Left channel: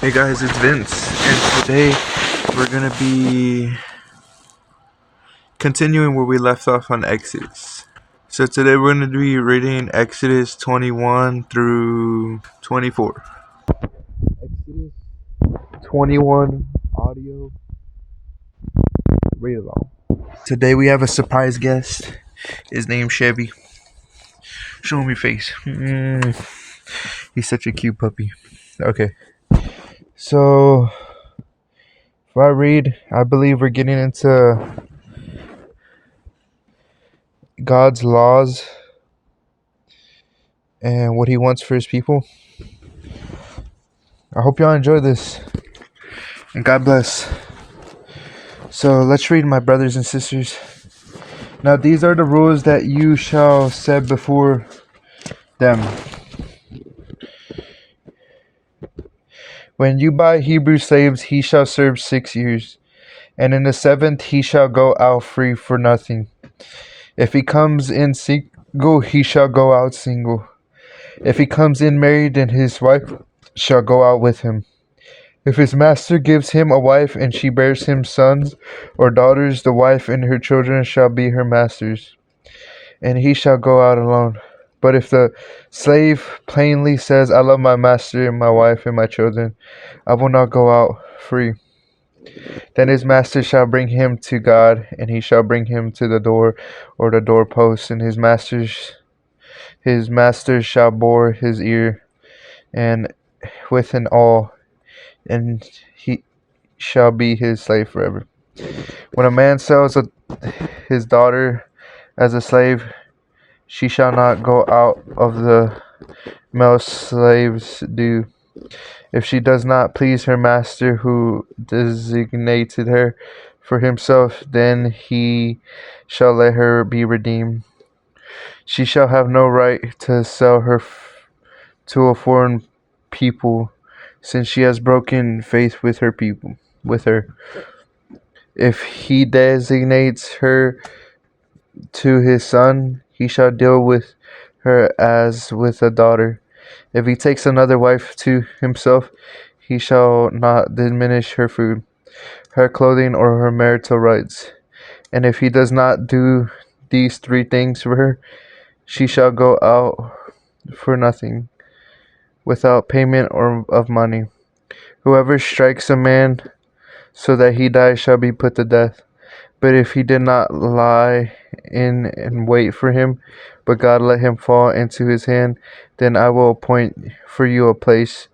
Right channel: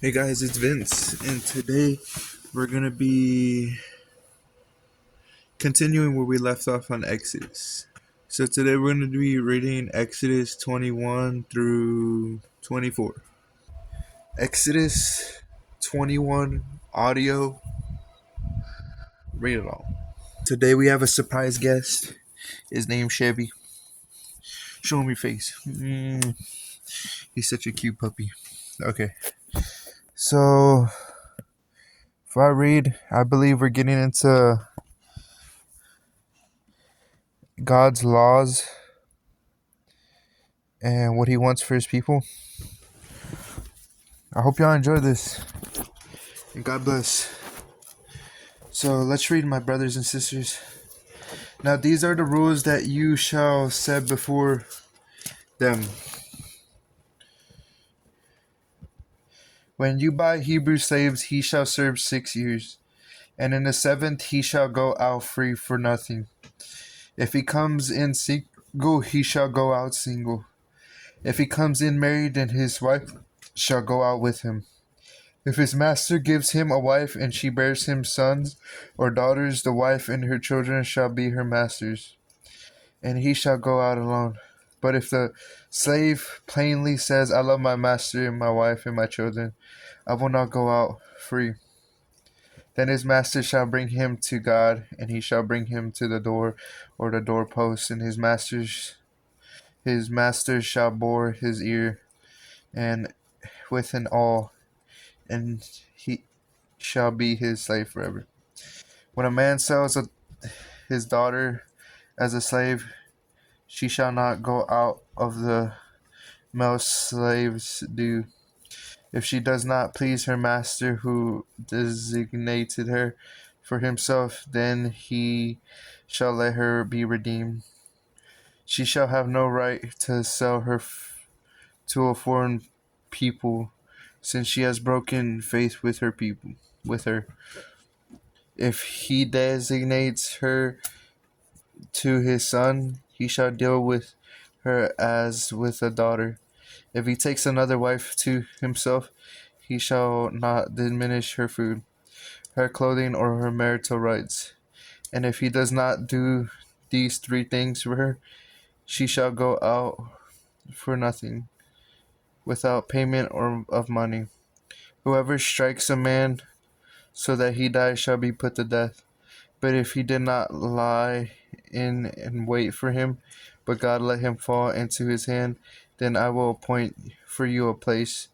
Hey guys, it's Vince, and today we're gonna be continuing where we left off on Exodus. So today we're gonna be reading Exodus 21 through 24. Exodus 21 audio, read along. Today we have a surprise guest. His name's Chevy. Show him your face. He's such a cute puppy. Okay, so if I read, I believe we're getting into God's laws and what he wants for his people. I hope y'all enjoy this, and God bless. So let's read, my brothers and sisters. Now these are the rules that you shall set before them. When you buy Hebrew slaves, he shall serve 6 years, and in the 7th he shall go out free for nothing. If he comes in single, he shall go out single. If he comes in married, then his wife shall go out with him. If his master gives him a wife, and she bears him sons or daughters, the wife and her children shall be her master's, and he shall go out alone. But if the slave plainly says, I love my master and my wife and my children, I will not go out free, then his master shall bring him to God, and he shall bring him to the door or the doorpost, and his master shall bore his ear and with an awl, and he shall be his slave forever. When a man sells his daughter as a slave, she shall not go out of the male slave's due. If she does not please her master who designated her for himself, then he shall let her be redeemed. She shall have no right to sell her to a foreign people, since she has broken faith with her people. With her, if he designates her to his son, he shall deal with her as with a daughter. If he takes another wife to himself, he shall not diminish her food, her clothing, or her marital rights. And if he does not do these 3 things for her, she shall go out for nothing, without payment or of money. Whoever strikes a man so that he dies shall be put to death. But if he did not lie in and wait for him, but God let him fall into his hand, then I will appoint for you a place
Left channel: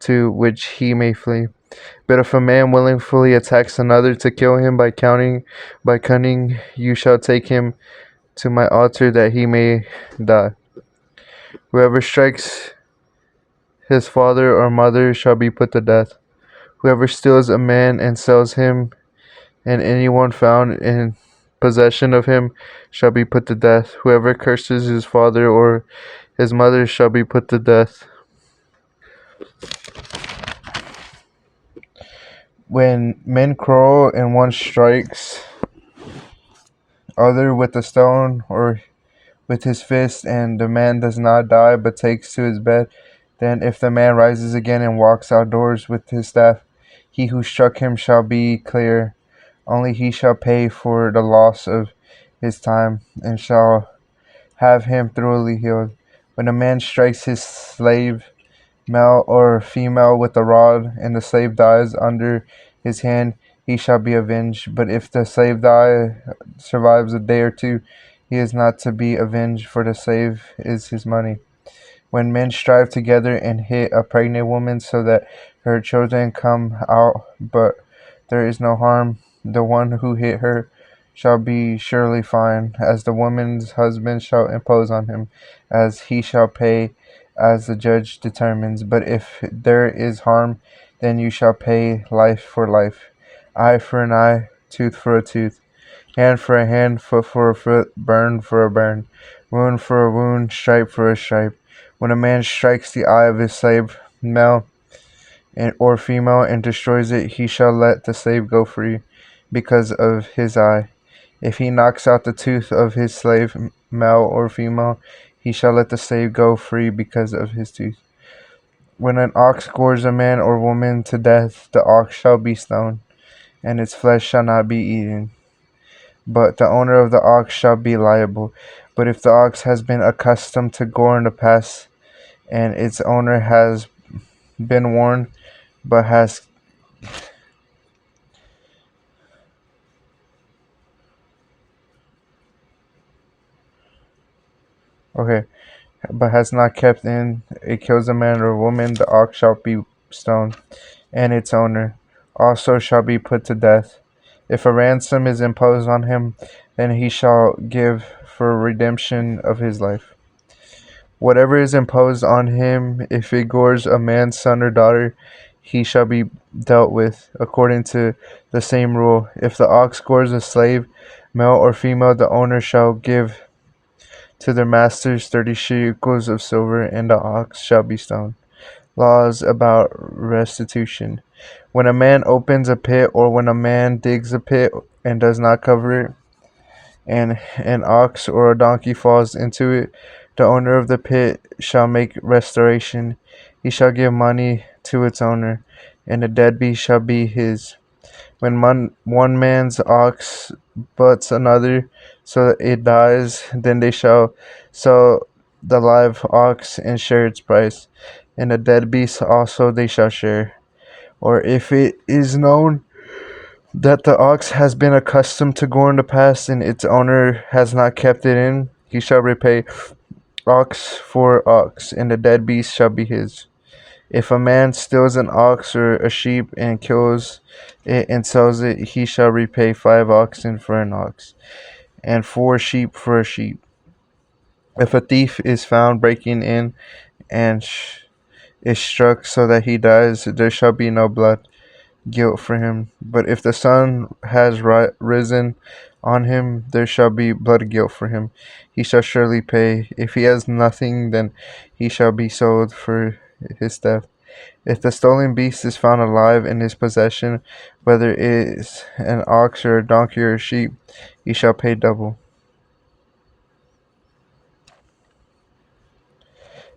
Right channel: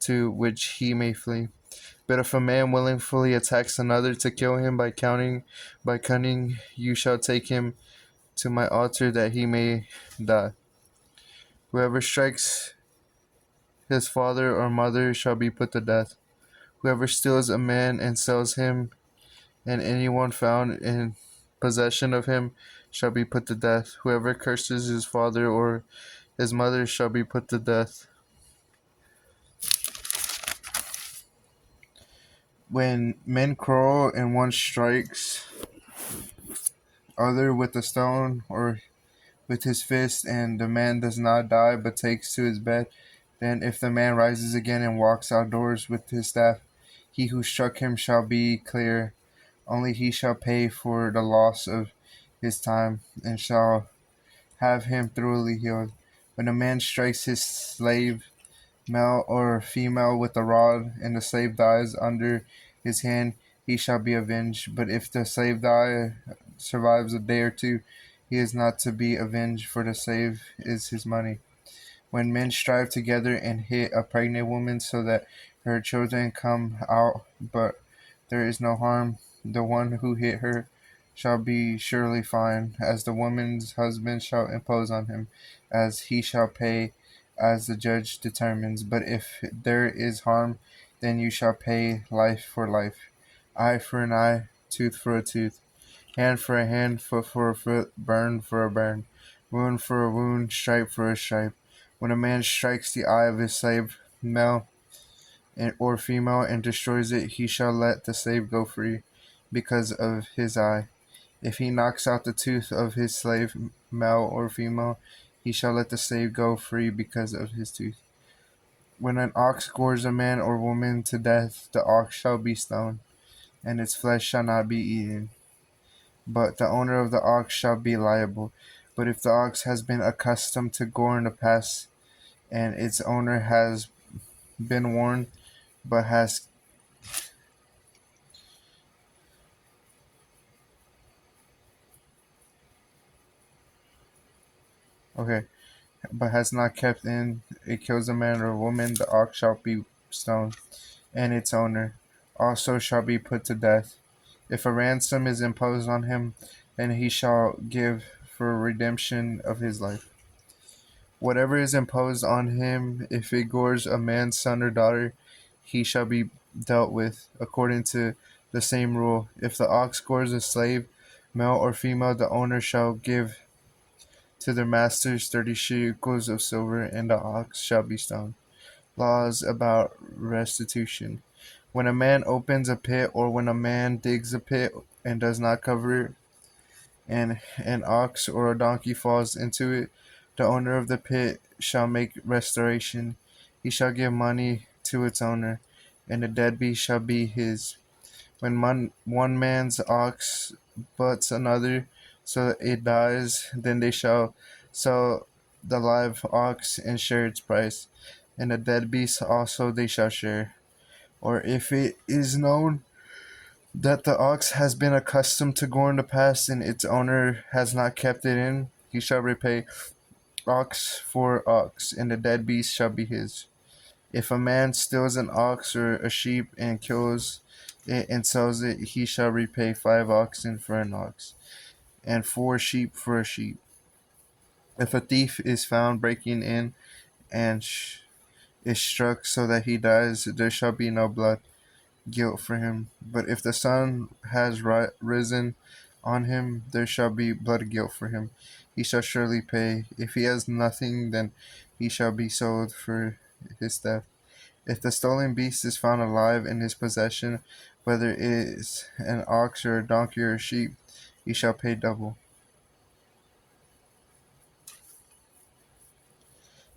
to which he may flee. But if a man willingly attacks another to kill him by cunning, you shall take him to my altar that he may die. Whoever strikes his father or mother shall be put to death. Whoever steals a man and sells him, and anyone found in possession of him shall be put to death. Whoever curses his father or his mother shall be put to death. When men quarrel and one strikes other with a stone or with his fist, and the man does not die but takes to his bed, then if the man rises again and walks outdoors with his staff, he who struck him shall be clear. Only he shall pay for the loss of his time, and shall have him thoroughly healed. When a man strikes his slave, male or female, with a rod, and the slave dies under his hand, he shall be avenged. But if the slave survives a day or two, he is not to be avenged, for the slave is his money. When men strive together and hit a pregnant woman so that her children come out, but there is no harm, the one who hit her shall be surely fined, as the woman's husband shall impose on him, as he shall pay as the judge determines. But if there is harm, then you shall pay life for life, eye for an eye, tooth for a tooth, hand for a hand, foot for a foot, burn for a burn, wound for a wound, stripe for a stripe. When a man strikes the eye of his slave, male or female, and destroys it, he shall let the slave go free because of his eye. If he knocks out the tooth of his slave, male or female, he shall let the slave go free because of his tooth. When an ox gores a man or woman to death, the ox shall be stoned, and its flesh shall not be eaten. But the owner of the ox shall be liable. But if the ox has been accustomed to gore in the past, and its owner has been warned, but has okay, but has not kept in, it kills a man or woman, the ox shall be stoned, and its owner also shall be put to death. If a ransom is imposed on him, then he shall give for redemption of his life. Whatever is imposed on him, if it gores a man's son or daughter, he shall be dealt with according to the same rule. If the ox gores a slave, male or female, the owner shall give to their masters 30 shekels of silver, and the ox shall be stoned. Laws about restitution. When a man opens a pit, or when a man digs a pit and does not cover it, and an ox or a donkey falls into it, the owner of the pit shall make restoration. He shall give money to its owner, and the dead beast shall be his. When one man's ox butts another, so that it dies, then they shall sell the live ox and share its price, and the dead beast also they shall share. Or if it is known that the ox has been accustomed to gore in the past, and its owner has not kept it in, he shall repay ox for ox, and the dead beast shall be his. If a man steals an ox or a sheep and kills it and sells it, he shall repay 5 oxen for an ox, and 4 sheep for a sheep. If a thief is found breaking in and is struck so that he dies, there shall be no blood guilt for him. But if the sun has risen on him, there shall be blood guilt for him. He shall surely pay. If he has nothing, then he shall be sold for his theft. If the stolen beast is found alive in his possession, whether it is an ox or a donkey or a sheep, he shall pay double.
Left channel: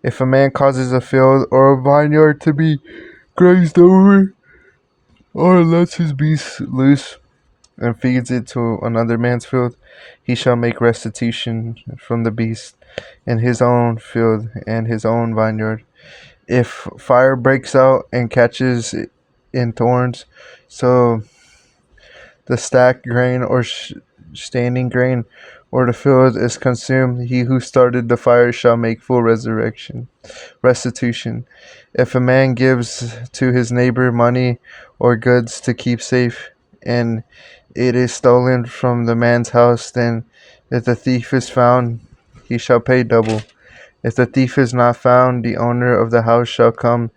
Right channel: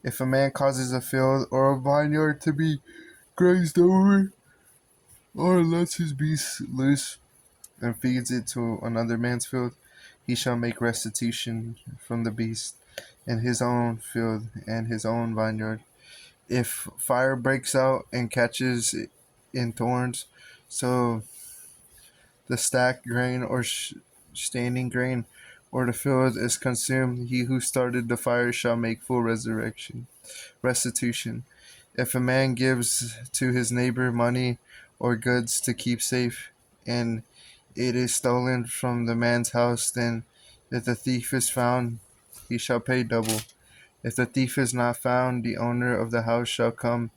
If a man causes a field or a vineyard to be grazed over, or lets his beast loose and feeds it to another man's field, he shall make restitution from the beast in his own field and his own vineyard. If fire breaks out and catches in thorns, so the stacked grain or standing grain or the field is consumed, he who started the fire shall make full restitution. If a man gives to his neighbor money or goods to keep safe, and it is stolen from the man's house, then if the thief is found, he shall pay double. If the thief is not found, the owner of the house shall come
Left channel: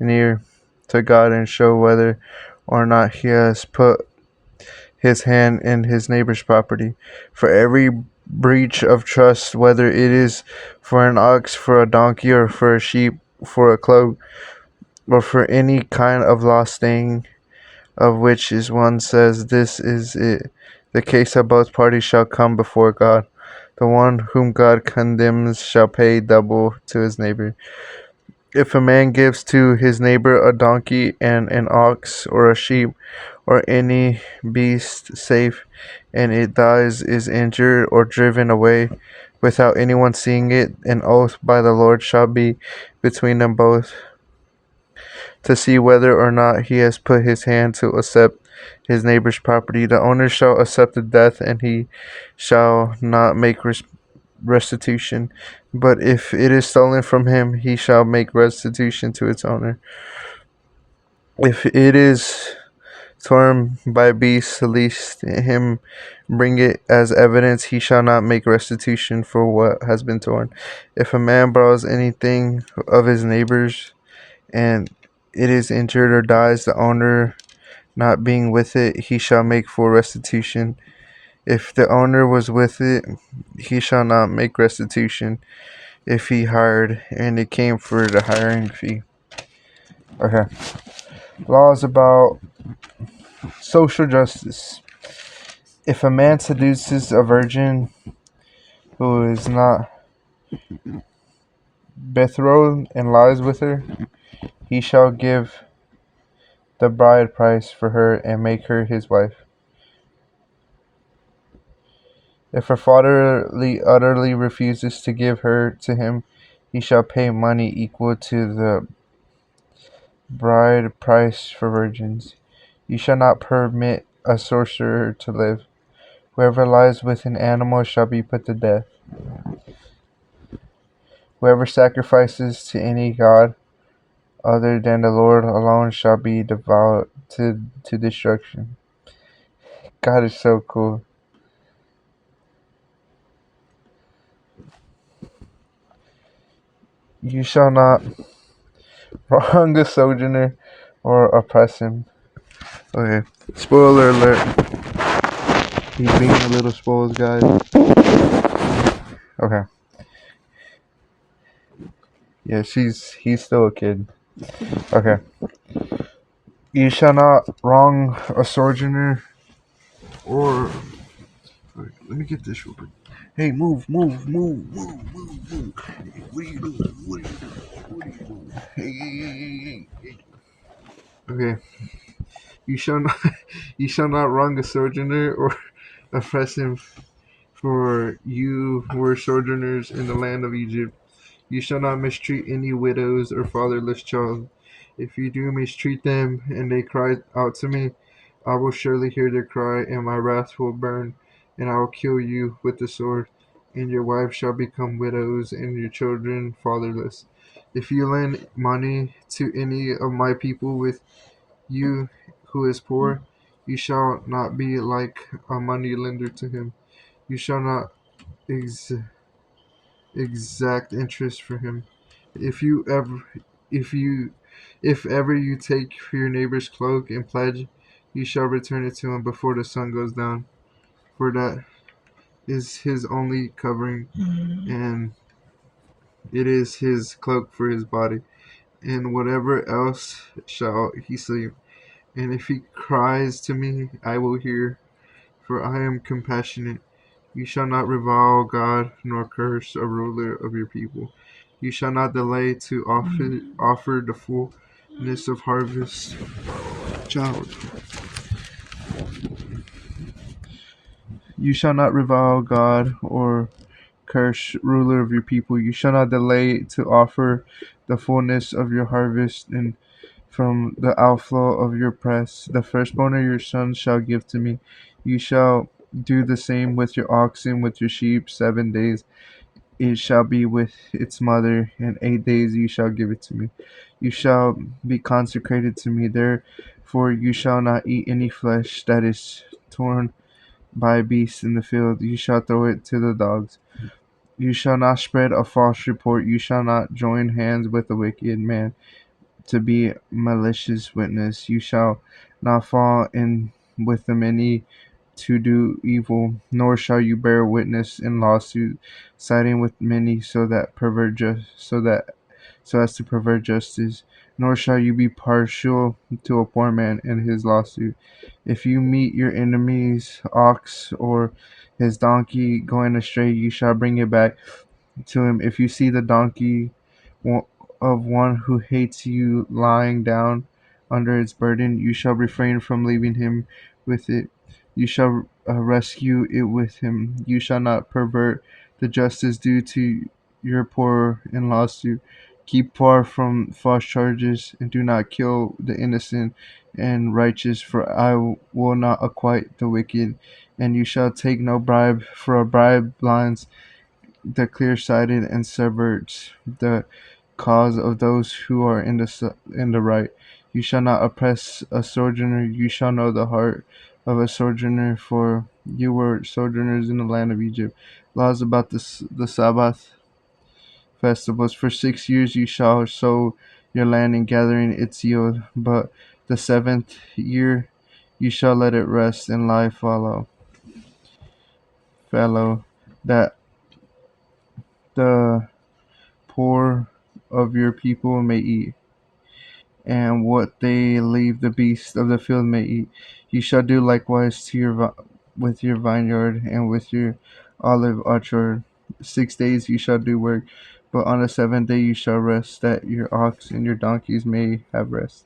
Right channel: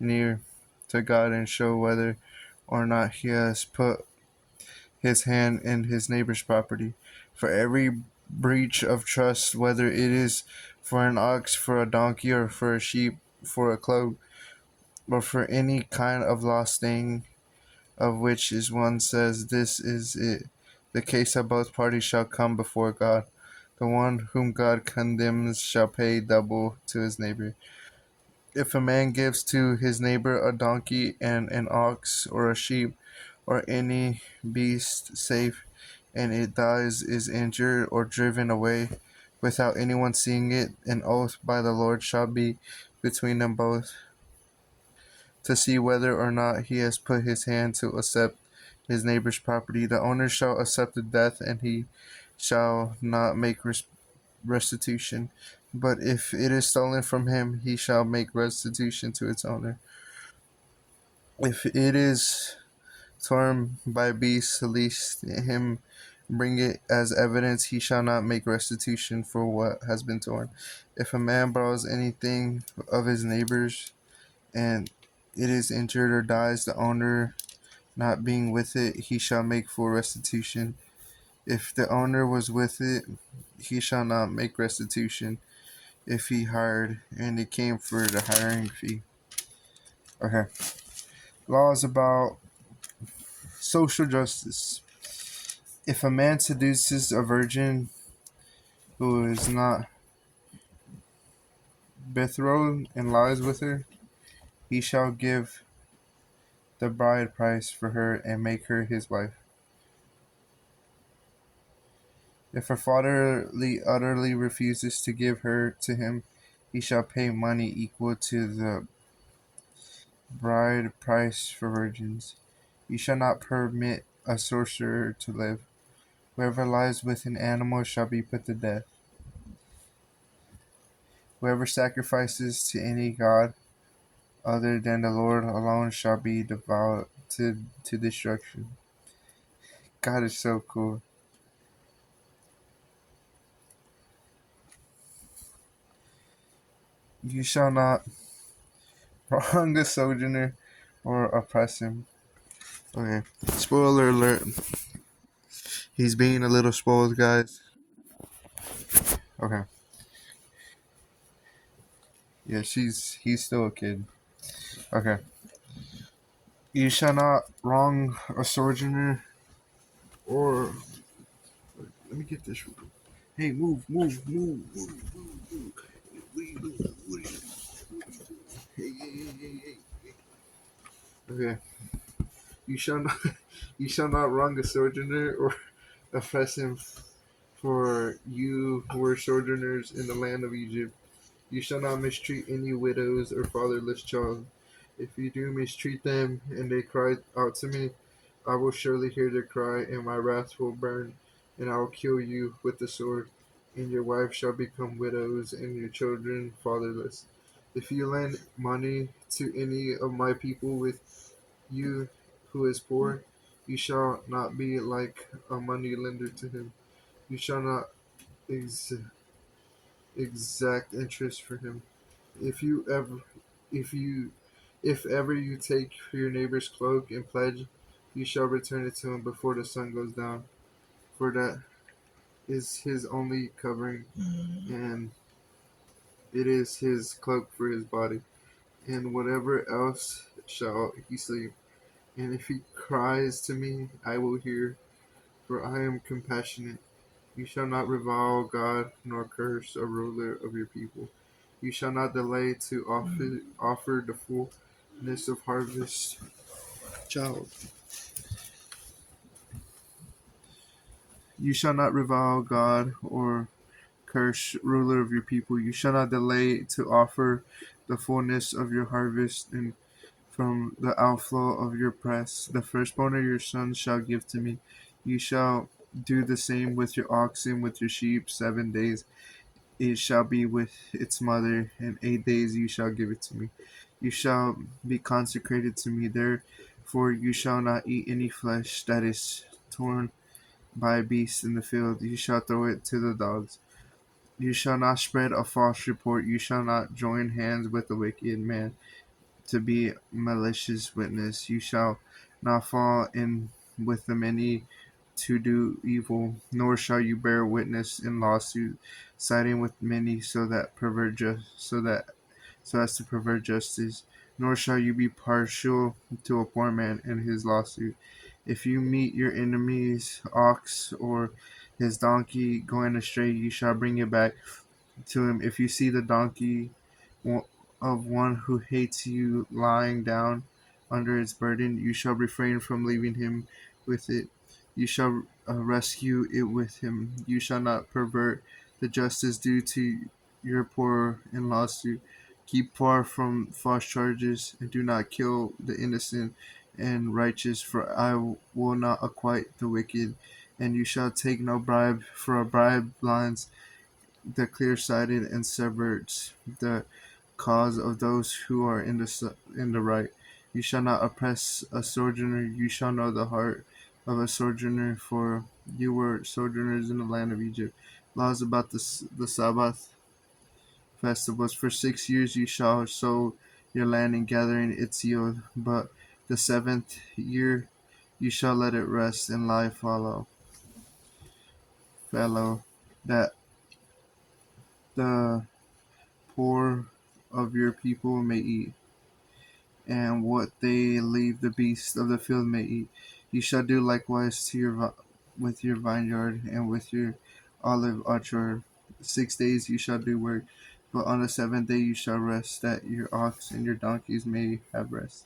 near to God and show whether or not he has put his hand in his neighbor's property. For every breach of trust, whether it is for an ox, for a donkey, or for a sheep, for a cloak, or for any kind of lost thing, of which is one says, "This is it," the case of both parties shall come before God. The one whom God condemns shall pay double to his neighbor. If a man gives to his neighbor a donkey and an ox or a sheep or any beast safe, and it dies, is injured, or driven away without anyone seeing it, an oath by the Lord shall be between them both to see whether or not he has put his hand to accept his neighbor's property. The owner shall accept the death, and he shall not make restitution. But if it is stolen from him, he shall make restitution to its owner. If it is torn by beasts, lest him bring it as evidence, he shall not make restitution for what has been torn. If a man borrows anything of his neighbor's, and it is injured or dies, the owner not being with it, he shall make full restitution. If the owner was with it, he shall not make restitution if he hired, and it came for the hiring fee. Okay. Laws about social justice. If a man seduces a virgin who is not betrothed and lies with her, he shall give the bride price for her and make her his wife. If her father utterly refuses to give her to him, he shall pay money equal to the bride price for virgins. You shall not permit a sorcerer to live. Whoever lies with an animal shall be put to death. Whoever sacrifices to any god other than the Lord alone shall be devoted to destruction. God is so cool. You shall not wrong a sojourner or oppress him. Okay. Spoiler alert. He's being a little spoiled, guys. Okay. Yeah, he's still a kid. Okay. You shall not wrong a sojourner or. Right, let me get this real quick. Hey, move, move, move, move, move, move. Hey, what are you doing? What are you doing? What are you doing? Hey, hey, hey, hey, hey. Okay. You shall not you shall not wrong a sojourner or oppress him, for you were sojourners in the land of Egypt. You shall not mistreat any widows or fatherless child. If you do mistreat them and they cry out to me, I will surely hear their cry, and my wrath will burn, and I will kill you with the sword, and your wives shall become widows, and your children fatherless. If you lend money to any of my people with you who is poor, you shall not be like a money lender to him. You shall not ex- exact interest for him. If you ever, if you, if ever you take your neighbor's cloak and pledge, you shall return it to him before the sun goes down, for that is his only covering, and it is his cloak for his body. And whatever else shall he sleep. And if he cries to me, I will hear, for I am compassionate. You shall not revile God, nor curse a ruler of your people. You shall not delay to offer the fullness of harvest. Child. You shall not revile God or curse ruler of your people. You shall not delay to offer the fullness of your harvest, and from the outflow of your press, the firstborn of your sons shall give to me. You shall do the same with your oxen, with your sheep, 7 days. It shall be with its mother, and 8 days you shall give it to me. You shall be consecrated to me. Therefore you shall not eat any flesh that is torn by beasts in the field. You shall throw it to the dogs. You shall not spread a false report. You shall not join hands with a wicked man to be malicious witness. You shall not fall in with the many to do evil, nor shall you bear witness in lawsuit, siding with many so as to pervert justice. Nor shall you be partial to a poor man in his lawsuit. If you meet your enemy's ox or his donkey going astray, you shall bring it back to him. If you see the donkey of one who hates you lying down under its burden, you shall refrain from leaving him with it. You shall rescue it with him. You shall not pervert the justice due to your poor in lawsuit. Keep far from false charges, and do not kill the innocent and righteous, for I will not acquit the wicked. And you shall take no bribe, for a bribe blinds the clear-sighted and subverts the cause of those who are in the right. You shall not oppress a sojourner. You shall know the heart of a sojourner, for you were sojourners in the land of Egypt. Laws about the Sabbath festivals. For 6 years you shall sow your land and gathering its yield, but the seventh year you shall let it rest and lie fallow, that the poor of your people may eat, and what they leave the beasts of the field may eat. You shall do likewise to with your vineyard and with your olive orchard. 6 days you shall do work, But on the seventh day you shall rest, that your ox and your donkeys may have rest,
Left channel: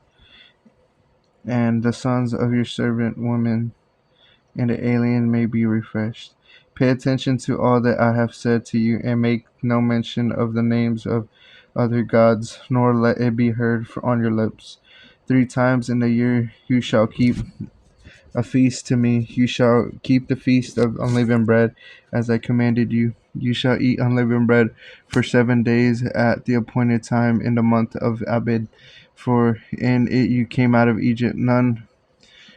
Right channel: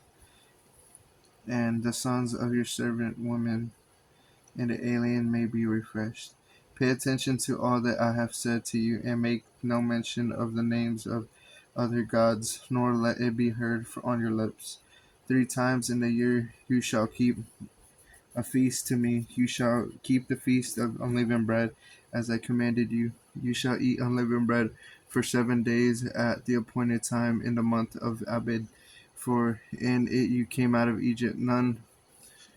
and the sons of your servant woman and the alien may be refreshed. Pay attention to all that I have said to you, and make no mention of the names of other gods, nor let it be heard on your lips. 3 times in the year you shall keep a feast to me. You shall keep the feast of unleavened bread, as I commanded you. You shall eat unleavened bread for 7 days at the appointed time in the month of Abib, for in it you came out of Egypt. None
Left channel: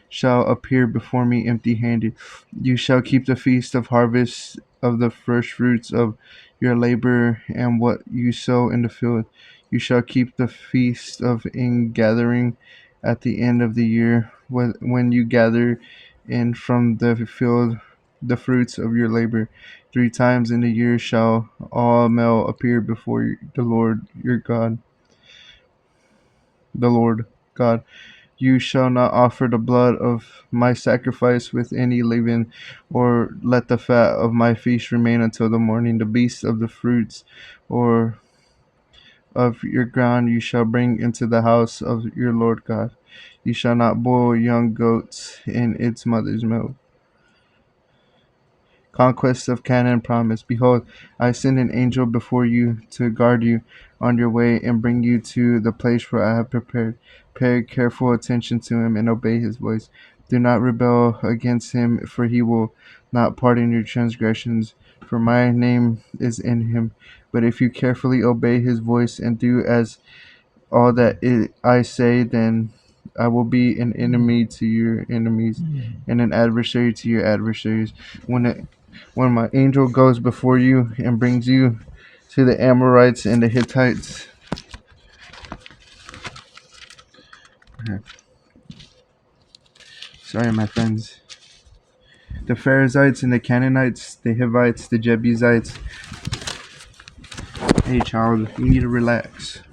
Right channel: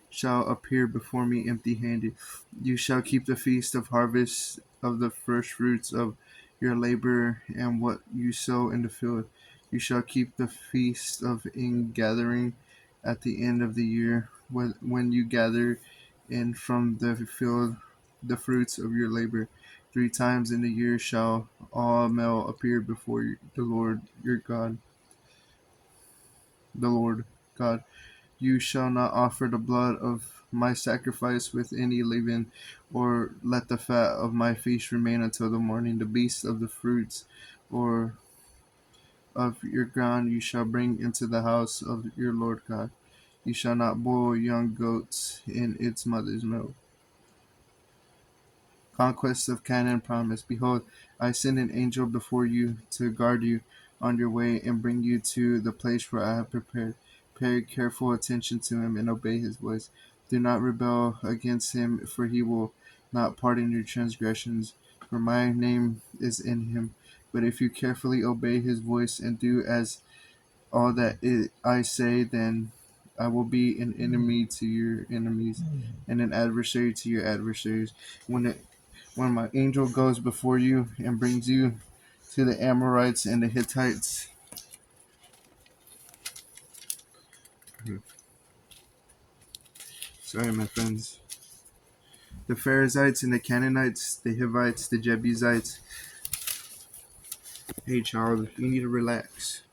shall appear before me empty handed. You shall keep the feast of harvest of the first fruits of your labor and what you sow in the field. You shall keep the feast of ingathering at the end of the year, when you gather in from the field the fruits of your labor. 3 times in the year shall all male appear before the Lord your God. The Lord God. You shall not offer the blood of my sacrifice with any leaven, or let the fat of my feast remain until the morning. The beasts of the fruits or of your ground you shall bring into the house of your Lord God. You shall not boil young goats in its mother's milk. Conquest of Canaan promise. Behold, I send an angel before you to guard you on your way and bring you to the place where I have prepared. Pay careful attention to him and obey his voice. Do not rebel against him, for he will not pardon your transgressions, for my name is in him. But if you carefully obey his voice and do as all that I say, then I will be an enemy to your enemies and an adversary to your adversaries. When my angel goes before you and brings you to the Amorites and the Hittites, sorry, my friends, the Perizzites and the Canaanites, the Hivites, the Jebusites. Hey, child, you need to relax.